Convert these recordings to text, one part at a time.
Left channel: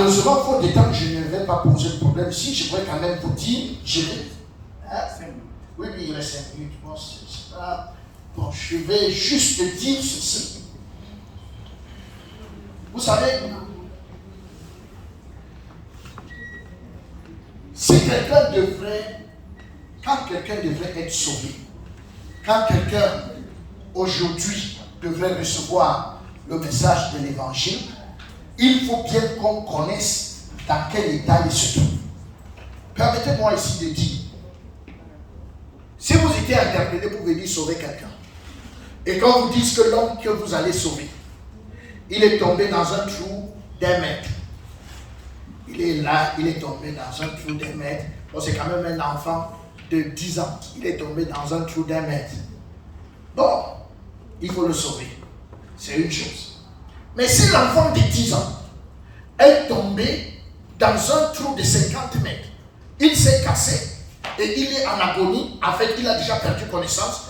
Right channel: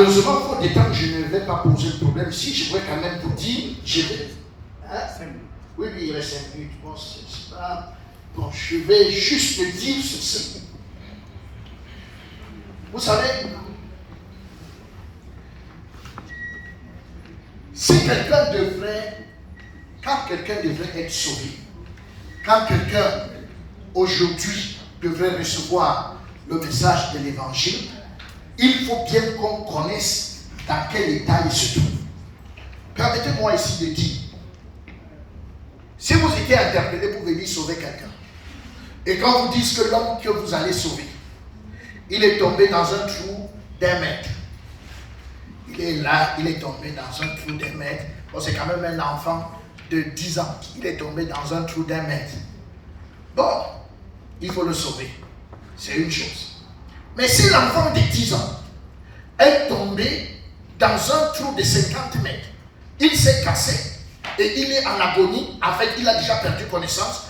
Malheureusement, faute de temps, je ne vais pas poser le problème. Si, je pourrais quand même vous dire, je vais. Hein? Oui, il reste 5 minutes. Bon, c'est pas. Bon, je vais juste dire ceci. Vous savez, si quelqu'un devrait, quand quelqu'un devrait être sauvé, quand quelqu'un aujourd'hui devrait recevoir le message de l'évangile, il faut bien qu'on connaisse dans quel état il se trouve. Permettez-moi ici de dire, si vous étiez interpellé pour venir sauver quelqu'un, et quand vous dites que l'homme que vous allez sauver, il est tombé dans un trou d'1 mètre. Il est là, il est tombé dans un trou d'1 mètre. Bon, c'est quand même un enfant de 10 ans. Il est tombé dans un trou d'1 mètre. Bon, il faut le sauver. C'est une chose. Mais si l'enfant de 10 ans est tombé dans un trou de 50 mètres, il s'est cassé et il est en agonie, en fait, il a déjà perdu connaissance,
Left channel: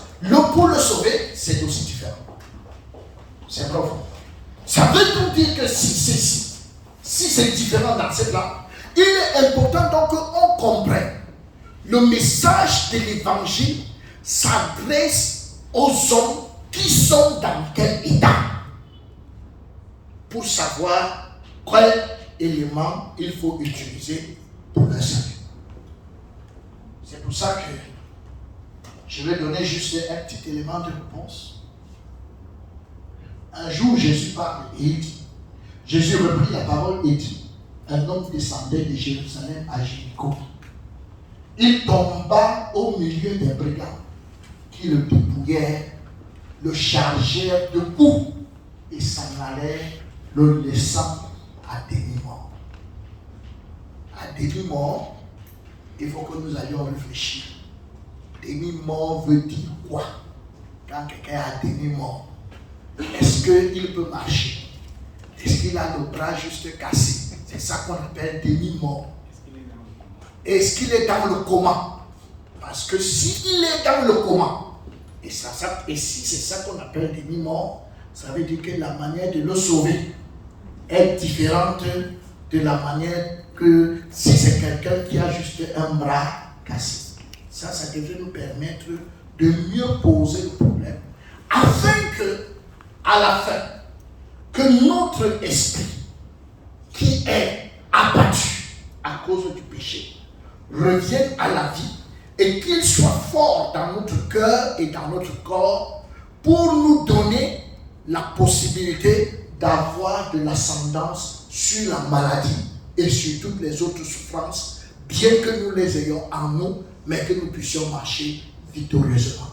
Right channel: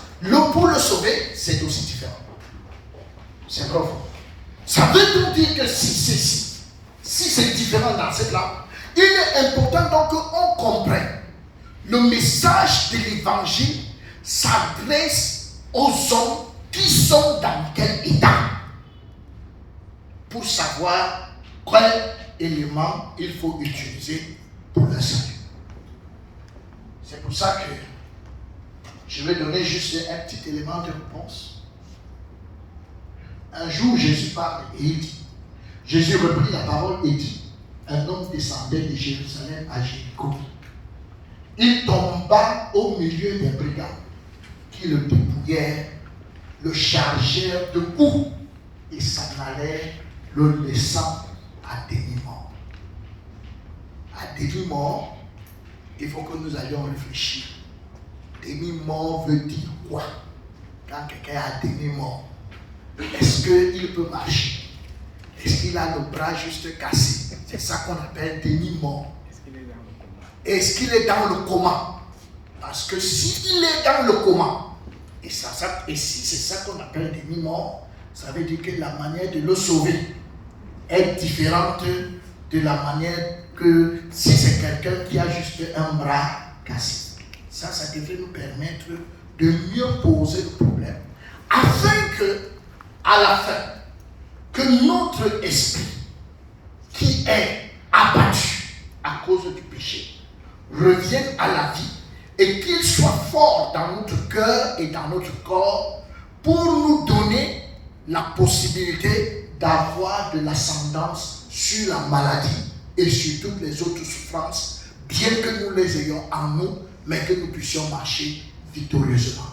pour le sauver, c'est aussi différent. C'est profond. Ça veut donc dire que si c'est différent dans cette langue, il est important donc qu'on comprenne. Le message de l'évangile s'adresse aux hommes qui sont dans quel état, pour savoir quel élément il faut utiliser pour le salut. C'est pour ça que je vais donner juste un petit élément de réponse. Un jour, Jésus parle et il dit, Jésus reprit la parole et dit, un homme descendait de Jérusalem à Jéricho. Il tomba au milieu des brigands qui le dépouillèrent, le chargèrent de coups et s'en allèrent, le laissant à demi-mort. À demi-mort, il faut que nous allions réfléchir. Demi-mort veut dire quoi? Quand quelqu'un est à demi-mort, est-ce qu'il peut marcher? Est-ce qu'il a le bras juste cassé? C'est ça qu'on appelle demi-mort. Est-ce qu'il est dans le coma? Parce que s'il est dans le coma, et si c'est ça qu'on appelle demi-mort, ça veut dire que la manière de le sauver est différente de la manière que si c'est quelqu'un qui a juste un bras cassé. Ça devrait nous permettre de mieux poser le problème, afin que, à la fin, que notre esprit, qui est abattu à cause du péché, revienne à la vie et qu'il soit fort dans notre cœur et dans notre corps pour nous donner la possibilité d'avoir de l'ascendance sur la maladie et sur toutes les autres souffrances, bien que nous les ayons en nous, mais que nous puissions marcher victorieusement.